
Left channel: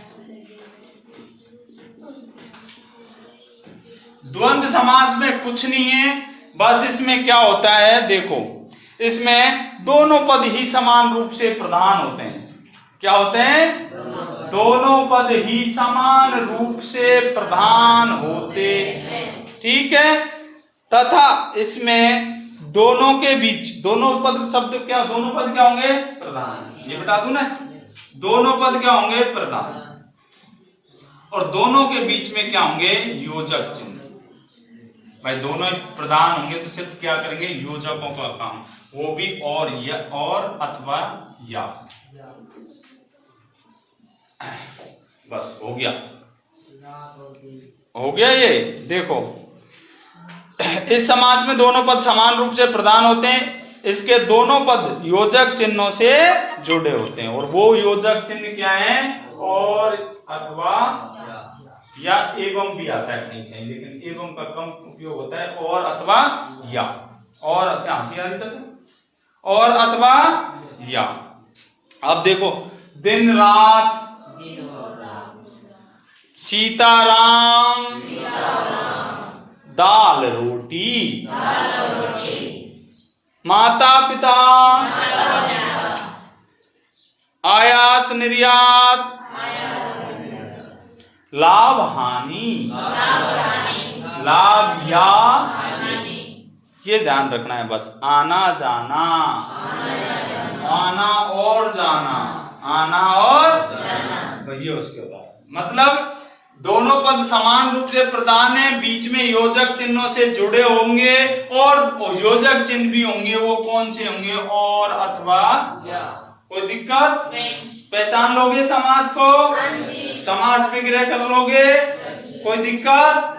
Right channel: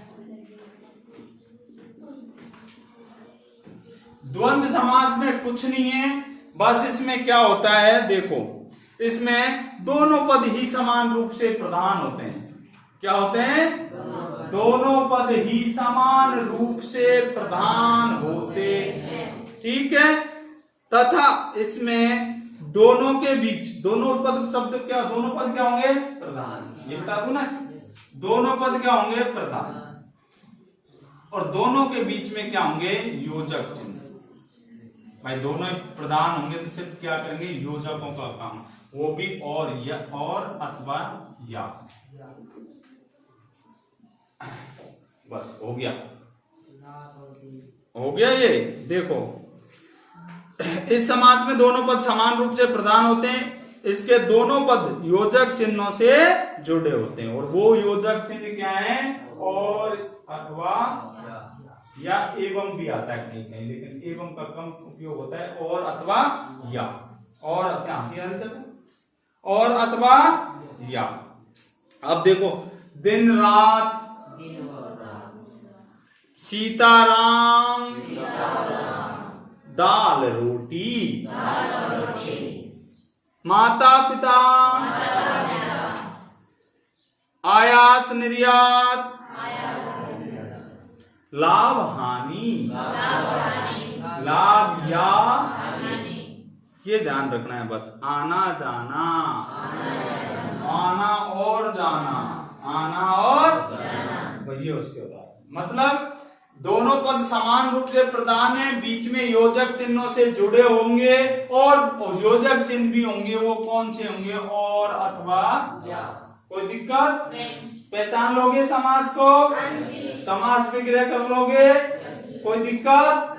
द्वंद्व समास में कुछ नहीं है, बस इसमें क्या होता है देखो, इसमें दोनों पद ही समान रूप से प्रधान होते हैं। क्या होते हैं? दोनों पद ही समान रूप से प्रधान होते हैं, ठीक है। तथा इसमें दोनों के बीच, दोनों पद शब्द क्या, दोनों पद क्या होंगे? प्रधान। ये बता दूं ना, दोनों पद क्या होंगे? प्रधान। और दोनों के बीच में क्या होंगे? योजक चिन्ह। भाई दोनों प्रधान होंगे तो सिर्फ क्या करेंगे? योजकों का काम, वो भी और या, और अथवा या। बस हो गया, हो गया। ये देखो इस समाज में दोनों पद समान रूप से प्रधान होते हैं, इसके दोनों पद योजक चिन्हों से जुड़े होते हैं। और वो योजक चिन्ह क्या है? और अथवा या एवं भी आता है कहीं कहीं, लेकिन एवं का कम उपयोग होता है। और अथवा या, और अथवा या। अब देखो, दिन रात, सीताराम, दाल रोटी, माता पिता, आयात निर्यात, लाभ हानि, लाभ या, ये ध्यान रखना है बस। आना जाना, आना और जाना, आना और जाना, ये उसके उदाहरण। मतलब दोनों पद समान रूप से प्रधान है, बीच में योजक चिन्हों से जुड़े होंगे और योजक चिन्ह भी होंगे। वो कौन से होंगे? और, अथवा, या। कोई दिक्कत नहीं? पहचान लोगे समास को? समास विग्रह कर लोगे? कोई दिक्कत?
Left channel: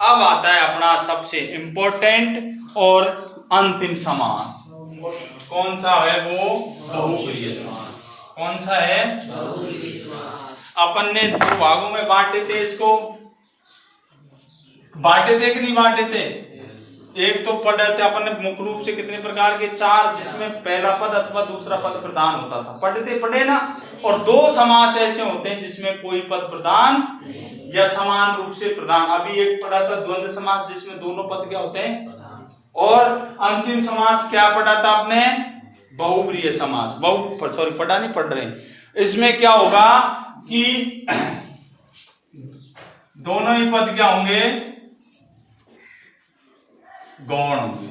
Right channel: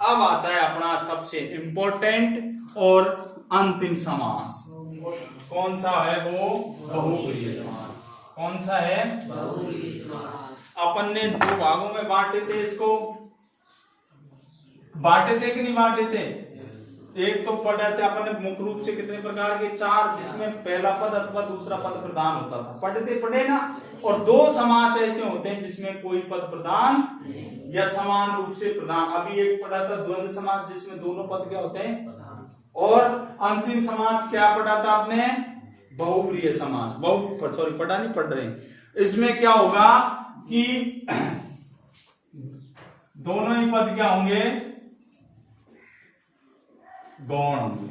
अब आता है अपना सबसे इंपॉर्टेंट और अंतिम समास। कौन सा है वो? बहुब्रीहि समास। कौन सा है? बहुब्रीहि समास। अपन ने दो भागों में बांटे थे इसको, बांटे थे कि नहीं बांटे थे? एक तो पढ़े थे अपन ने मुख्य रूप से कितने प्रकार के? 4, जिसमें पहला पद अथवा दूसरा पद प्रधान होता था। पढ़े ना? और 2 समास ऐसे होते हैं जिसमें कोई पद प्रधान या समान रूप से प्रधान। अभी एक पढ़ा था द्वंद्व समास, जिसमें दोनों पद क्या होते हैं? और अंतिम समास क्या पढ़ा था आपने? बहुब्रीहि समास। पढ़ा नहीं, पढ़ रहे। इसमें क्या होगा कि दोनों ही पद क्या होंगे? गौण होंगे।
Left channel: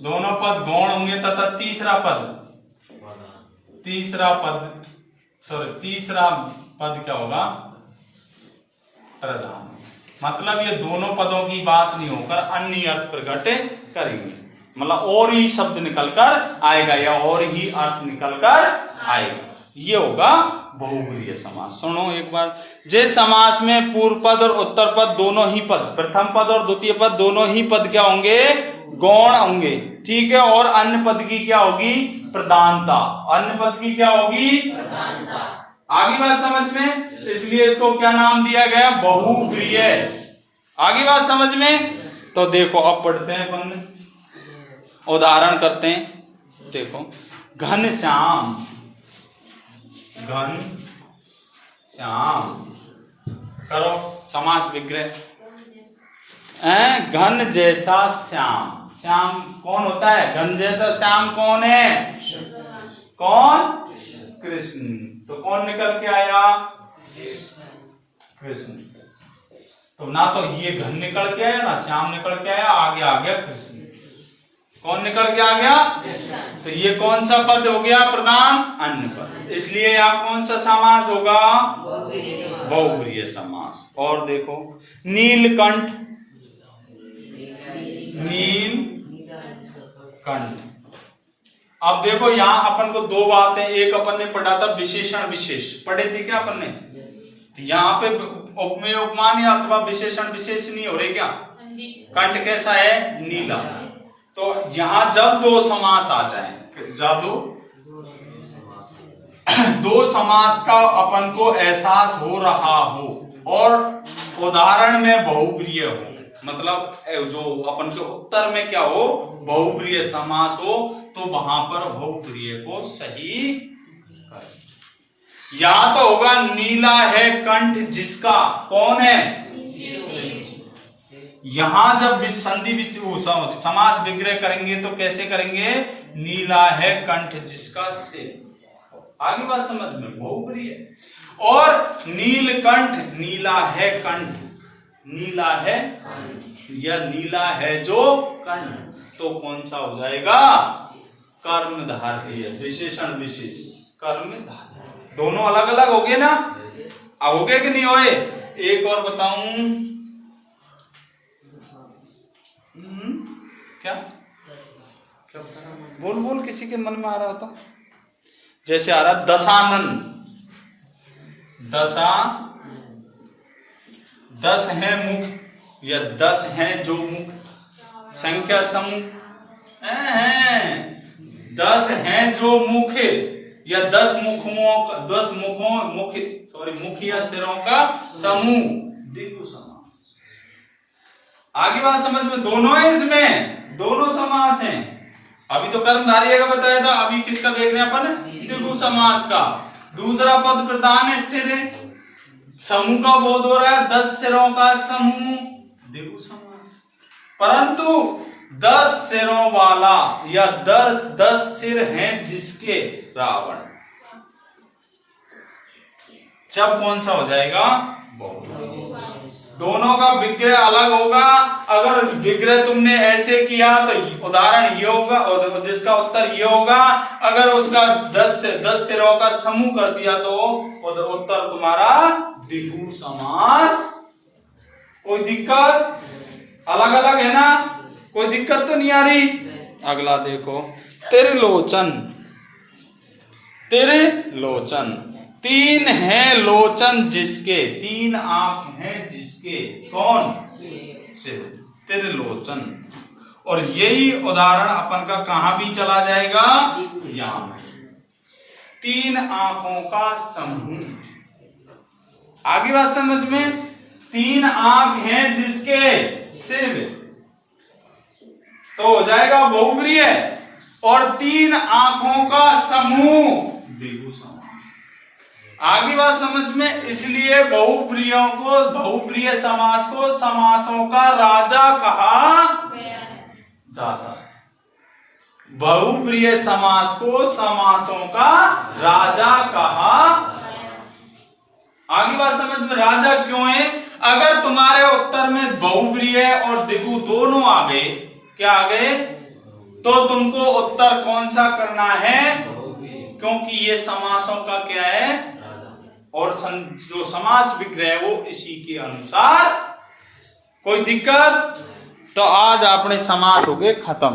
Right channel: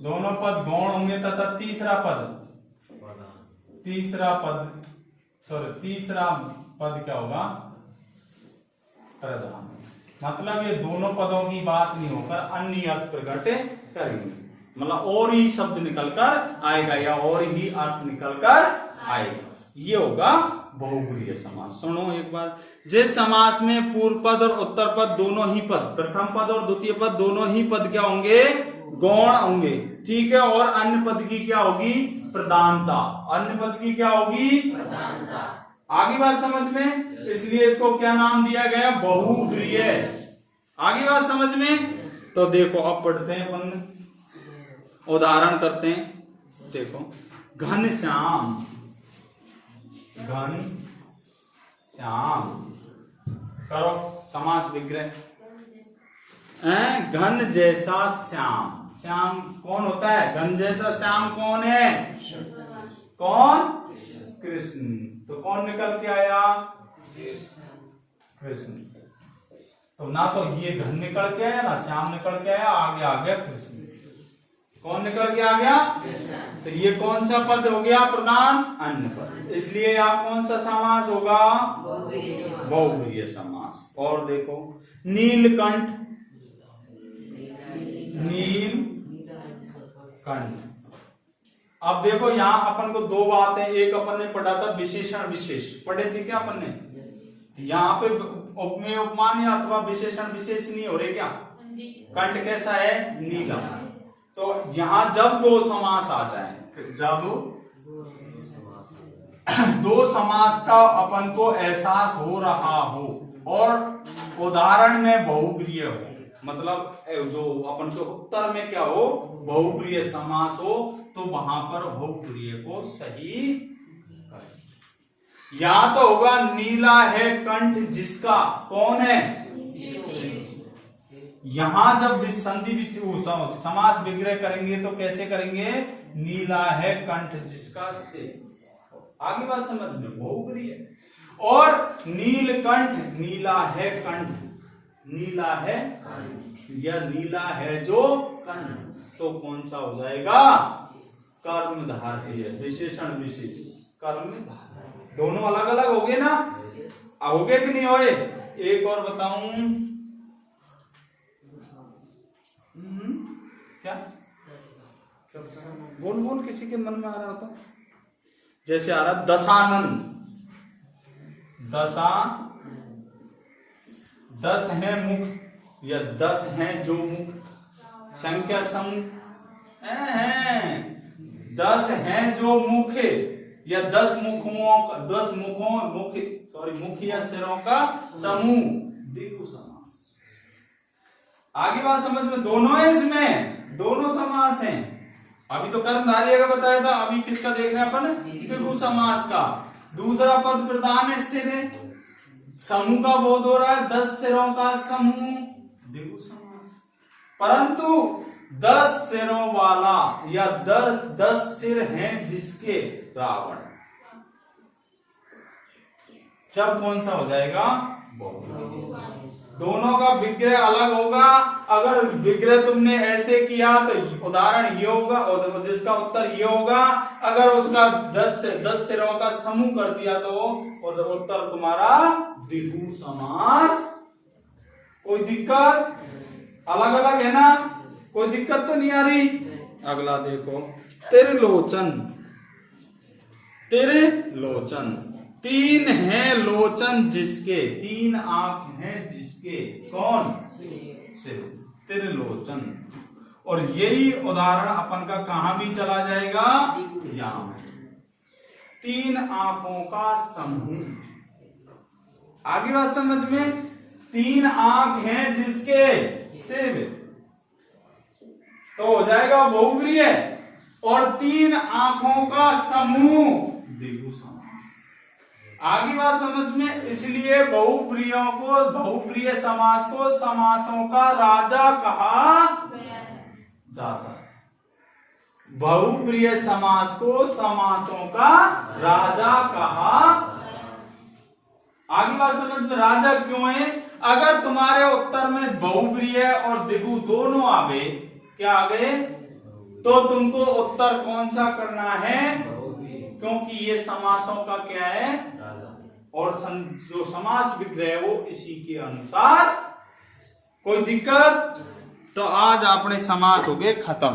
दोनों पद गौण होंगे तथा तीसरा पद क्या होगा? प्रधान। मतलब ये दोनों पदों की बात नहीं होकर अन्य अर्थ प्रकट करेंगे। मतलब और ही शब्द निकलकर आएगा या और ही अर्थ निकलकर आएगा। ये होगा बहुब्रीहि समास। सुनो एक बार, जिस समास में पूर्व पद और उत्तर पद दोनों ही पद, प्रथम पद और द्वितीय पद दोनों ही पद क्या होंगे? गौण होंगे। ठीक है। और अन्य पद की क्या होगी? प्रधानता। अन्य पद की क्या होगी? प्रधानता। आगे बात समझ में? इसलिए इसको क्या नाम दिया गया? बहुब्रीहि। आगे बात समझ में? तो देखो अब पढ़ते हैं, अपन उदाहरण करते हैं। देखो, घनश्याम, करो समास विग्रह। घन जैसा श्याम। श्याम कौन होता है? घन जैसा श्याम कौन है? कौन? कृष्ण। तो कौन निकल के आया? कृष्ण। तो ना तो ये घन निकल के आया ना श्याम निकल के आया, आगे आ गया कृष्ण। कौन निकल के आ गया? तो ये कौन सा पद हो गया? प्रधान। अन्य पद। इसलिए आप कौन सा समास होगा? बहुब्रीहि समास। और देखो, नीलकंठ, अब देखो यहां अपन को 2 बातें। एक अपन ने पढ़ा था विशेषण विशेष, पढ़े थे क्या अपन ने? तो यहाँ पे उपमेय उपमान या अथवा विशेषण विशेष नहीं हो रहे क्या? कंठ कैसा है? नीला। तो यहां जब 2 समास आ जाए, जब 2 समास का अपन को एहसास हो रहा हो और उदाहरण में बहुब्रीहि हो, मतलब जो अपन के उत्तर में क्या हो? बहुब्रीहि समास हो, तो वहां पर बहुब्रीहि को सही कर। या तो होगा नीला है कंठ जिसका, कौन है? यहां जब संधि समास विग्रह करेंगे तो कैसे करेंगे? नीला है कंठ जिसका से। आगे बात समझ में? बहुब्रीहि है। और नीलकंठ, नीला है कंठ, नीला है या नीला है जो कंठ, तो कौन सा हो जाएगा? कर्मधारय। विशेषण विशेष, कर्मधारय। दोनों अलग अलग हो गए ना? हो गए कि नहीं होए? एक और बताऊं, क्या बोल किसी के मन में आ रहा था? जैसे आ रहा दशानन। 10 है मुख या 10 है जो मुख, संख्या समूह है। 10 है जो मुख या 10 मुख या सिरों का समूह, द्विगु समास। आगे बात समझ में? दोनों है, इसमें दोनों समास हैं। अभी तो कर्मधारय का बताया था, अभी किसका देख रहे हैं अपन? द्विगु समास का। दूसरा पद प्रधान है, सिर, समूह का बोध हो रहा है, 10 सिरों का समूह, द्विगु समास। परंतु 10 सिरों वाला या 10 सिर हैं जिसके रावण, जब कौन सा हो जाएगा? दोनों का विग्रह अलग होगा। अगर विग्रह तुमने ऐसे किया तो उदाहरण ये होगा, और जिसका उत्तर ये होगा। अगर उसका 10 सिरों का समूह कर दिया तो उत्तर तुम्हारा द्विगु समास। कोई दिक्कत? अलग अलग है ना, कोई दिक्कत तो नहीं आ रही। अगला देखो, त्रिलोचन। त्रिलोचन, तीन हैं लोचन जिसके, तीन आंख हैं जिसके, कौन? शिव। त्रिलोचन। और यही उदाहरण अपन का कहां भी चला जाएगा, यहां। तीन आंखों का समूह। आगे बात समझ में, तीन आंख हैं जिसके, शिव, तो हो जाएगा बहुप्रिय। और तीन आंखों का समूह द्विगु समास। आगे बात समझ में, इसलिए बहुप्रियों को, बहुप्रिय समास को समासों का राजा कहा जाता है। बहुप्रिय समास को समासों का राजा कहा। आगे बात समझ में, राजा क्यों है? अगर तुम्हारे उत्तर में बहुप्रिय और द्विगु दोनों आ गए, क्या आ गए, तो तुमको उत्तर कौन सा करना है? क्योंकि ये समासों का क्या है, और जो समास विग्रह है वो इसी के अनुसार। कोई दिक्कत? तो आज अपने समास हो गए खत्म।